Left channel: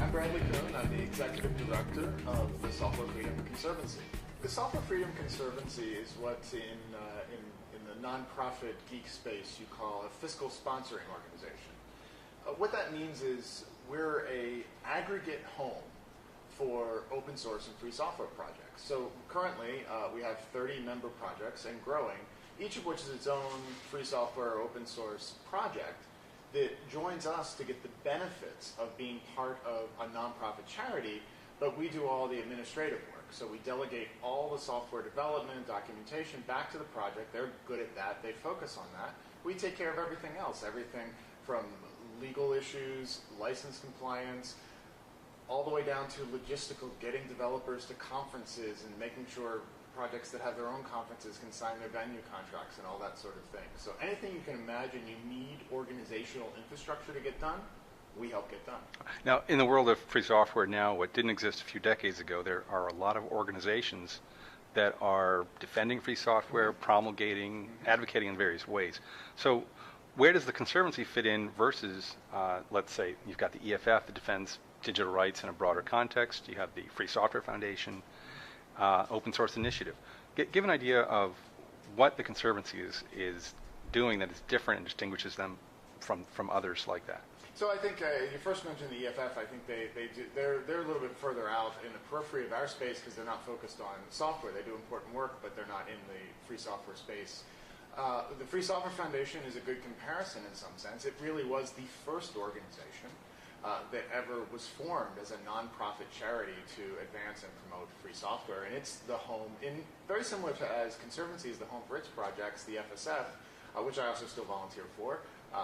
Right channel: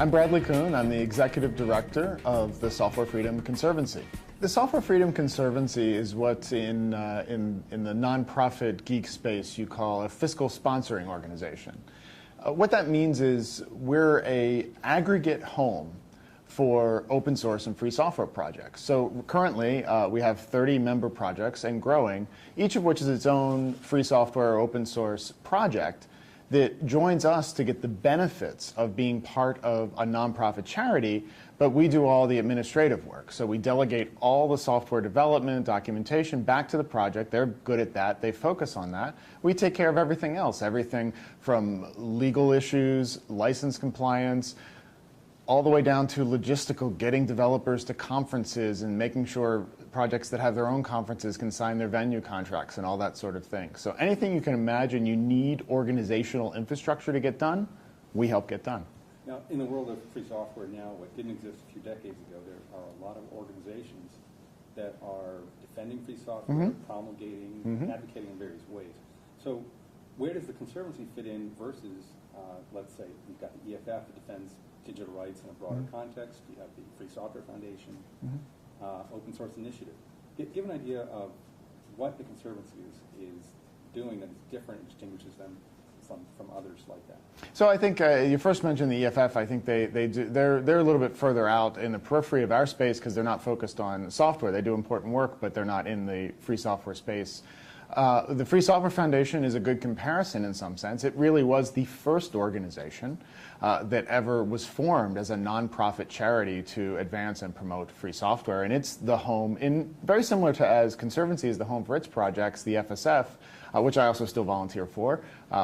I'm Bradley Kuhn. I'm the Executive Director of the Software Freedom Conservancy. The Software Freedom Conservancy is what in the nonprofit geek space you call a fiscal sponsoring organization. What that means is we're an aggregate home for open source and free software projects. So currently we have 30 member projects and growing, each of which is its own free software or open source project that joins us to get the benefits of being part of a nonprofit charity, but we do all the administrative work. So we delegate all the software development, documentation back to the project. They're good at that. They focus on that. We take care of everything else, everything from legal issues, license compliance, all the way down to logistical, getting developers to conferences and making sure projects that have their own conferences can sign their venue contracts and all that sort of thing. So anything you can imagine you need organizational infrastructure to get done, we help get done. Now, in the world of free software now, what didn't exist a few decades ago, there are a lot of organizations that are defending free software, promulgating, advocating in various ways. So where does the Conservancy fit in versus, let's say, you've got the EFF that defends digital rights in a broader context, you have the Free Software Foundation, Open Source Initiative. Give an idea of what the Conservancy is doing that is different and distinguishes them from others like that. So I think you first mentioned the EFF. I think they're a little bit further out in the periphery of our space because they're not focused on software. They do important work, but they're not in the free software space. The Free Software Foundation is a good comparison in some sense. It really was the first organization that ever was formed as a nonprofit charity to advance and promote free software. And it's the home, very similar to as Conservancy is the home for its projects, the FSF, which I also still volunteer for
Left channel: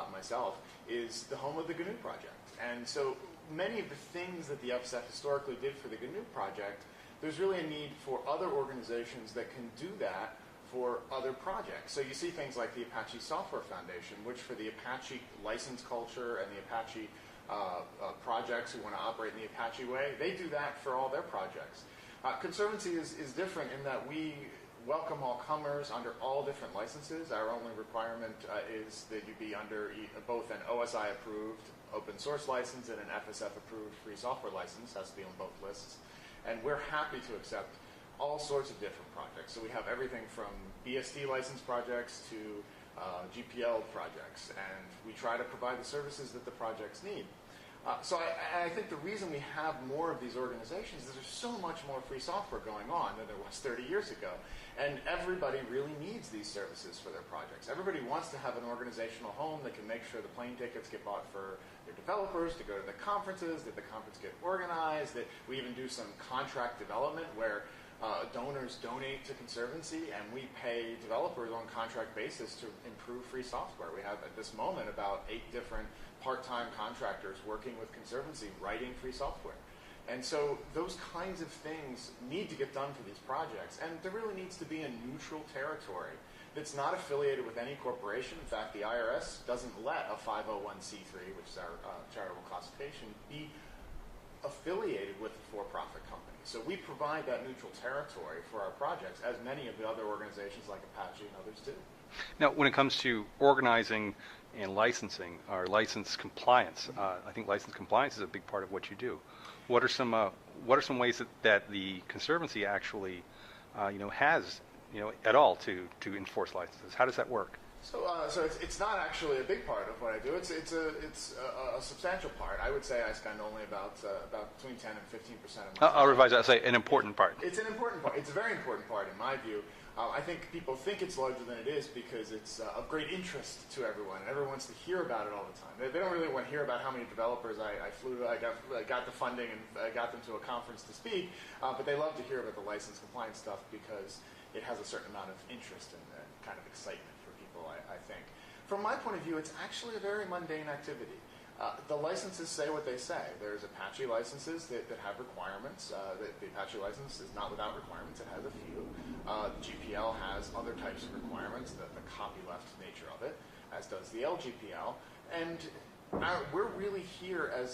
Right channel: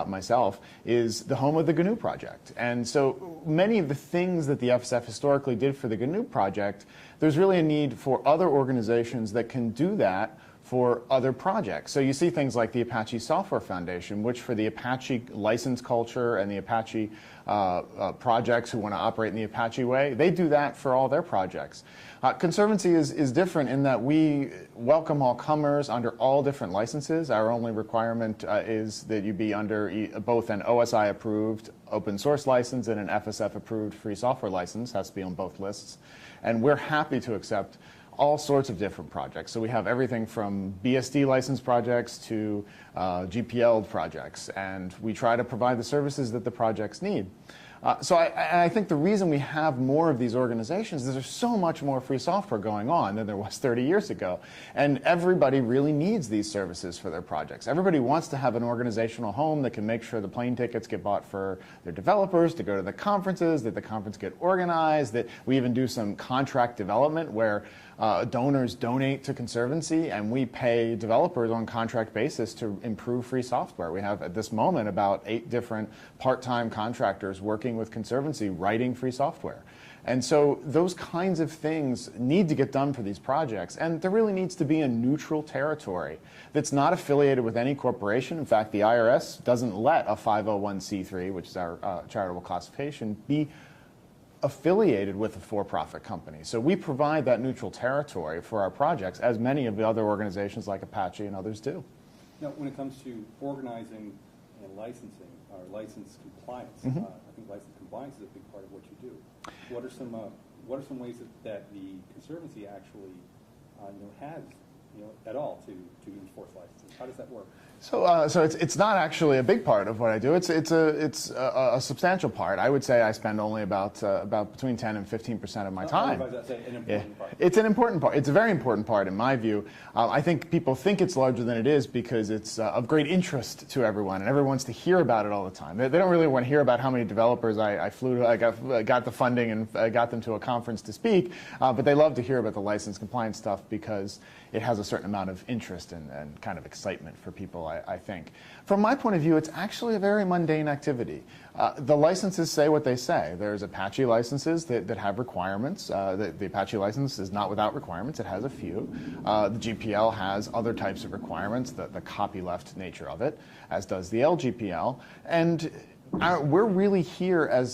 myself, is the home of the GNU project. And so many of the things that the FSF historically did for the GNU project, there's really a need for other organizations that can do that for other projects. So you see things like the Apache Software Foundation, which for the Apache license culture and the Apache projects who want to operate in the Apache way, they do that for all their projects. Conservancy is different in that we welcome all comers under all different licenses. Our only requirement is that you be under both an OSI approved open source license and an FSF approved free software license. Has to be on both lists. And we're happy to accept all sorts of different projects. So we have everything from BSD license projects to GPL projects, and we try to provide the services that the projects need. So I think the reason we have more of these organizations is there's so much more free software going on than there was 30 years ago. And everybody really needs these services for their projects. Everybody wants to have an organizational home that can make sure the plane tickets get bought for their developers, to go to the conferences, that the conference get organized, that we even do some contract development where donors donate to Conservancy and we pay developers on contract basis to improve free software. We have at this moment about 8 different part-time contractors working with Conservancy writing free software. And so those kinds of things need to get done for these projects, and there really needs to be a neutral territory that's not affiliated with any corporation. In fact, the IRS doesn't let a 501c3, which is our charitable classification, be affiliated with a for-profit company. So we provide that neutral territory for our projects, as many of the other organizations like Apache and others do. Now, when it comes to organizing and licensing, or license compliance, I think license compliance is a big part of what you do. What are some ways that the Conservancy actually, has, at all to enforce licenses? How does that work? So it's not actually a big part of what I do. It's a substantial part. I would say I spend only about between 10 and 15% of my time. I'll revise that. Say an important part. It's an important part. It's a very important part in my view. I think people think it's larger than it is because it's of great interest to everyone, and everyone wants to hear about it all the time. They don't really want to hear about how many developers I got the funding and I got them to a conference to speak, but they love to hear about the license compliance stuff because it has a certain amount of interest and kind of excitement for people, I think. From my point of view, it's actually a very mundane activity. The licenses say what they say. There's Apache licenses that have requirements. The Apache license is not without requirements. It has a few. The GPL has other types of requirements, the copyleft nature of it, as does the LGPL. And we're really here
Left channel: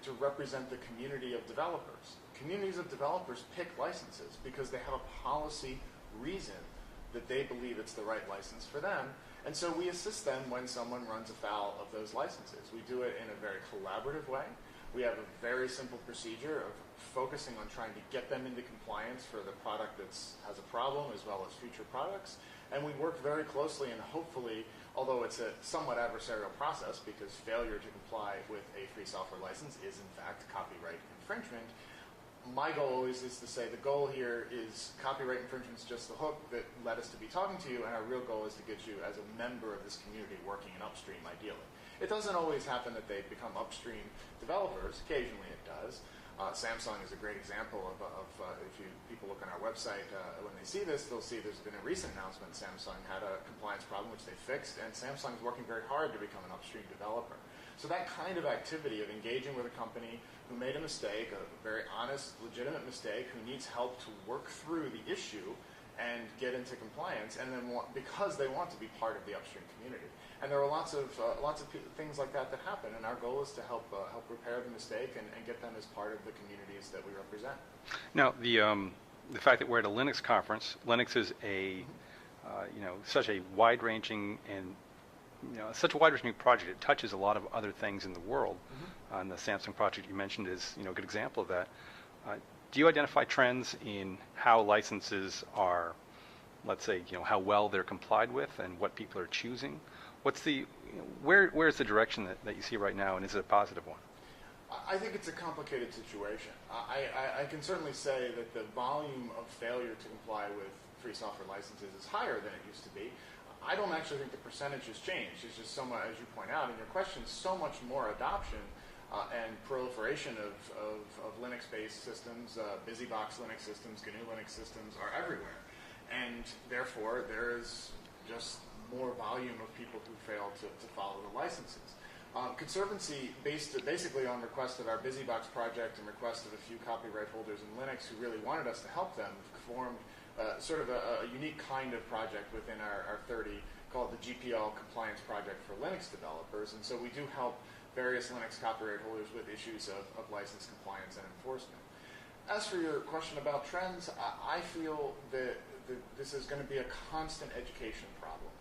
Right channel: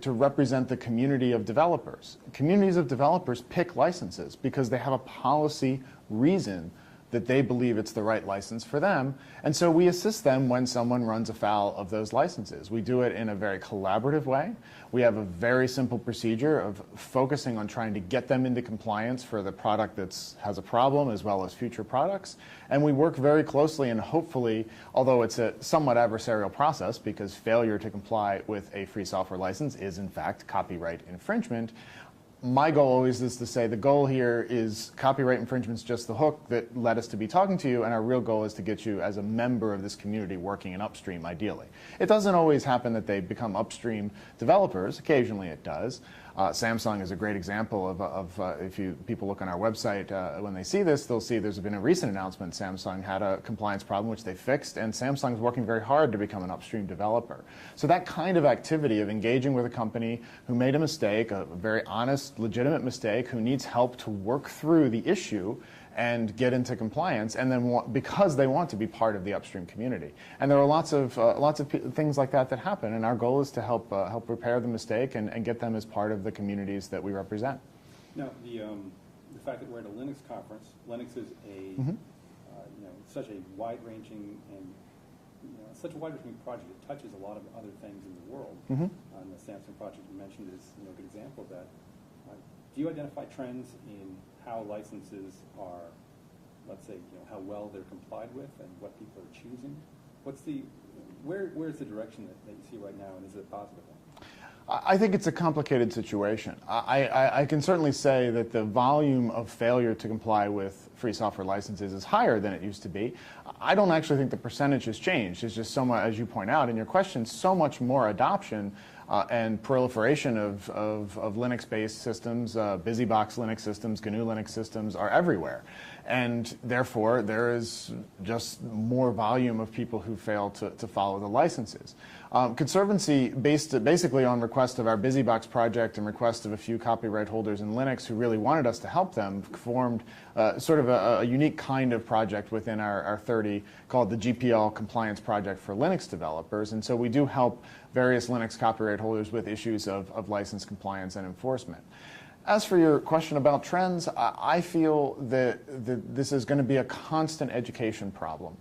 to represent the community of developers. Communities of developers pick licenses because they have a policy reason that they believe it's the right license for them. And so we assist them when someone runs afoul of those licenses. We do it in a very collaborative way. We have a very simple procedure of focusing on trying to get them into compliance for the product that has a problem as well as future products. And we work very closely, and hopefully, although it's a somewhat adversarial process because failure to comply with a free software license is in fact copyright infringement, my goal always is to say the goal here is copyright infringement's just the hook that led us to be talking to you, and our real goal is to get you as a member of this community working in upstream, ideally. It doesn't always happen that they become upstream developers. Occasionally it does. Samsung is a great example of if people look on our website, when they see this, they'll see there's been a recent announcement. Samsung had a compliance problem, which they fixed, and Samsung is working very hard to become an upstream developer. So that kind of activity of engaging with a company who made a mistake, a very honest, legitimate mistake, who needs help to work through the issue and get into compliance, and then because they want to be part of the upstream community. And there are lots of things like that that happen, and our goal is to help repair the mistake and get them as part of the communities that we represent. Now, the fact that we're at a Linux conference, Linux is a such a wide-ranging and such a wide-ranging project. It touches a lot of other things in the world. And the Samsung project you mentioned is a good example of that. Do you identify trends in how licenses are, let's say, how well they're complied with and what people are choosing? What's the, where's the direction that you see right now, and is it a positive one? I think it's a complicated situation. I can certainly say that the volume of failure to comply with free software licenses is higher than it used to be. I don't actually think the percentage has changed. It's just so much, as you point out in your question, so much more adoption and proliferation of Linux-based systems, BusyBox Linux systems, GNU Linux systems are everywhere. And therefore, there is just more volume of people who fail to follow the licenses. Conservancy, basically on request of our BusyBox project and request of a few copyright holders in Linux who really wanted us to help them, formed sort of a unique kind of project within our 30 called the GPL Compliance Project for Linux Developers. And so we do help various Linux copyright holders with issues of license compliance and enforcement. As for your question about trends, I feel that this is going to be a constant education problem.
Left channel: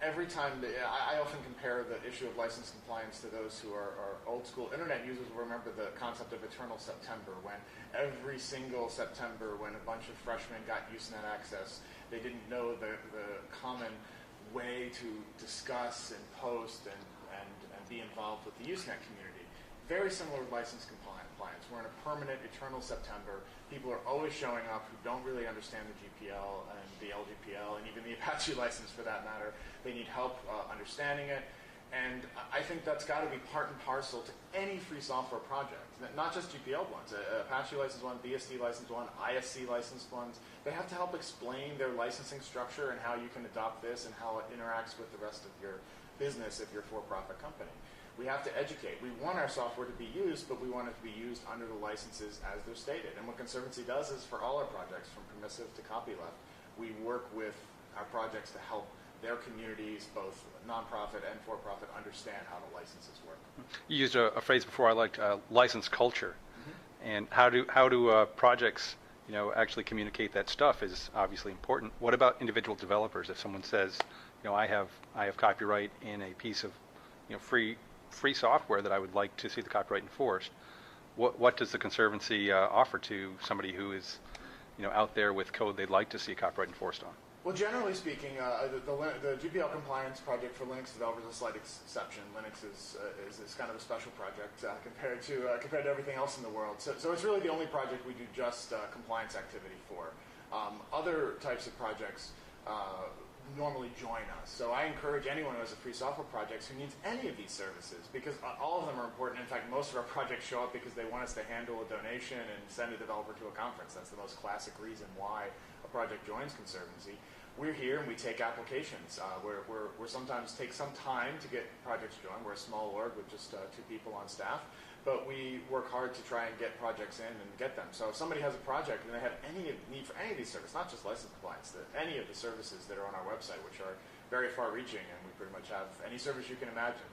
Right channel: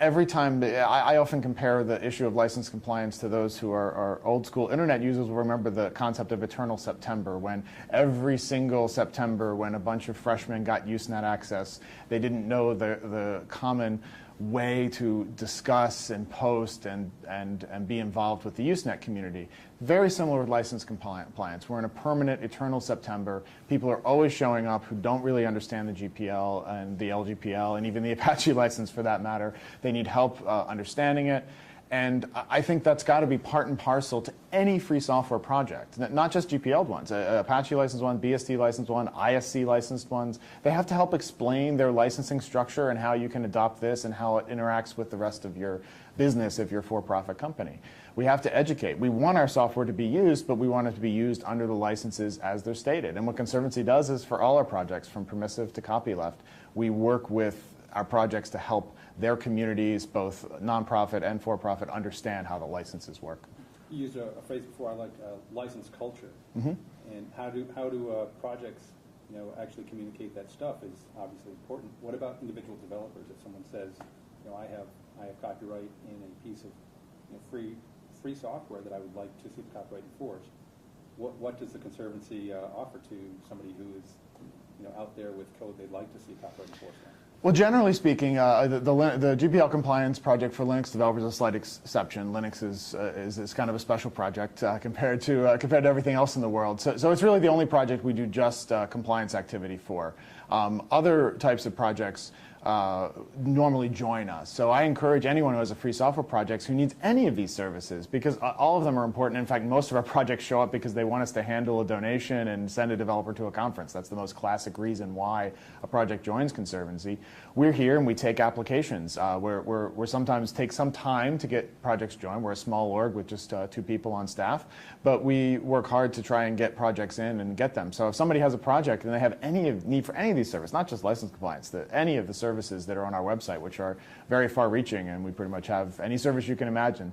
Every time, I often compare the issue of license compliance to those who are old school internet users will remember the concept of eternal September, when every single September when a bunch of freshmen got Usenet access, they didn't know the common way to discuss and post and be involved with the Usenet community. Very similar with license compliance. We're in a permanent, eternal September. People are always showing up who don't really understand the GPL and the LGPL and even the Apache license for that matter. They need help understanding it. And I think that's got to be part and parcel to any free software project, not just GPL ones, Apache licensed one, BSD licensed one, ISC licensed ones. They have to help explain their licensing structure and how you can adopt this and how it interacts with the rest of your business if you're a for-profit company. We have to educate. We want our software to be used, but we want it to be used under the licenses as they're stated. And what Conservancy does is for all our projects, from permissive to copyleft, we work with our projects to help their communities, both nonprofit and for-profit, understand how the licenses work. You used a phrase before I liked, license culture. And how do projects actually communicate that stuff is obviously important. What about individual developers? If someone says, I have copyright in a piece of free software that I would like to see the copyright enforced, what does the Conservancy offer to somebody who is out there with code they'd like to see copyright enforced on? Well, generally speaking, the GPL Compliance Project for Linux developers is a slight exception. Linux is kind of a special project compared to everything else in the world. So it's really the only project we do just compliance activity for. Other types of projects normally join us. So I encourage anyone who has a free software project who needs any of these services, because all of them are important. In fact, most of our projects show up because they want us to handle a donation and send a developer to a conference. That's the most classic reason why a project joins Conservancy. We're here and we take applications. We're sometimes take some time to get projects joined. We're a small org with just 2 people on staff, but we work hard to try and get projects in and get them. So if somebody has a project and they have need for any of these services, not just license compliance, any of the services that are on our website, which are very far-reaching, and we pretty much have any service you can imagine,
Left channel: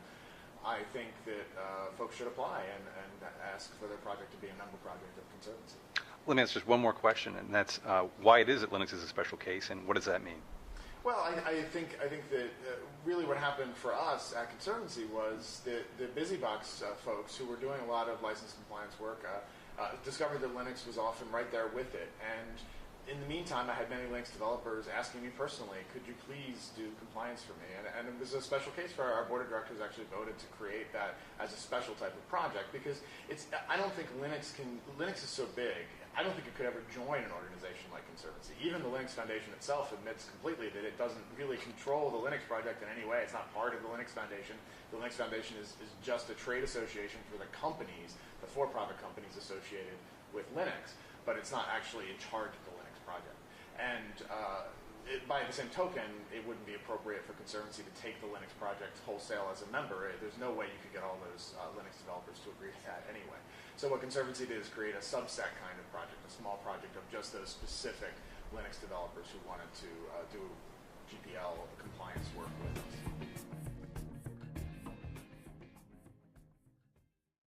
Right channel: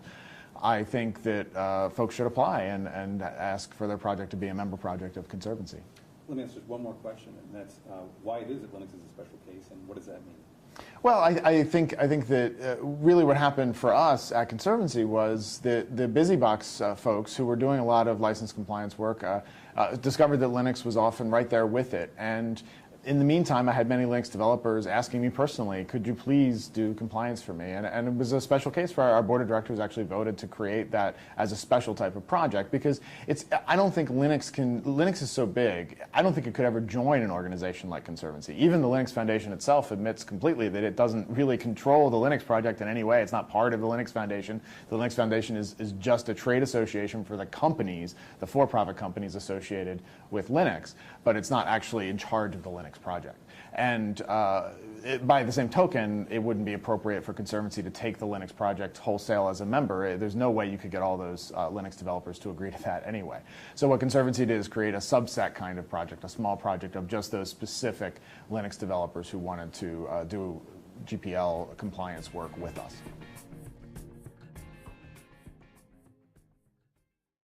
I think that folks should apply and ask for their project to be a member project of Conservancy. Let me ask just one more question, and that's why it is that Linux is a special case, and what does that mean? Well, I think that really what happened for us at Conservancy was that the BusyBox folks who were doing a lot of license compliance work discovered that Linux was often right there with it. And in the meantime, I had many Linux developers asking me personally, could you please do compliance for me? And it was a special case for our board of directors actually voted to create that as a special type of project because I don't think Linux is so big, I don't think it could ever join an organization like Conservancy. Even the Linux Foundation itself admits completely that it doesn't really control the Linux project in any way. It's not part of the Linux Foundation. The Linux Foundation is just a trade association for the companies, the for-profit companies associated with Linux, but it's not actually in charge of the Linux project. And by the same token, it wouldn't be appropriate for Conservancy to take the Linux project wholesale as a member. There's no way you could get all those Linux developers to agree to that anyway. So what Conservancy did is create a subset kind of project, a small project of just those specific Linux developers who wanted to do GPL compliance work with us.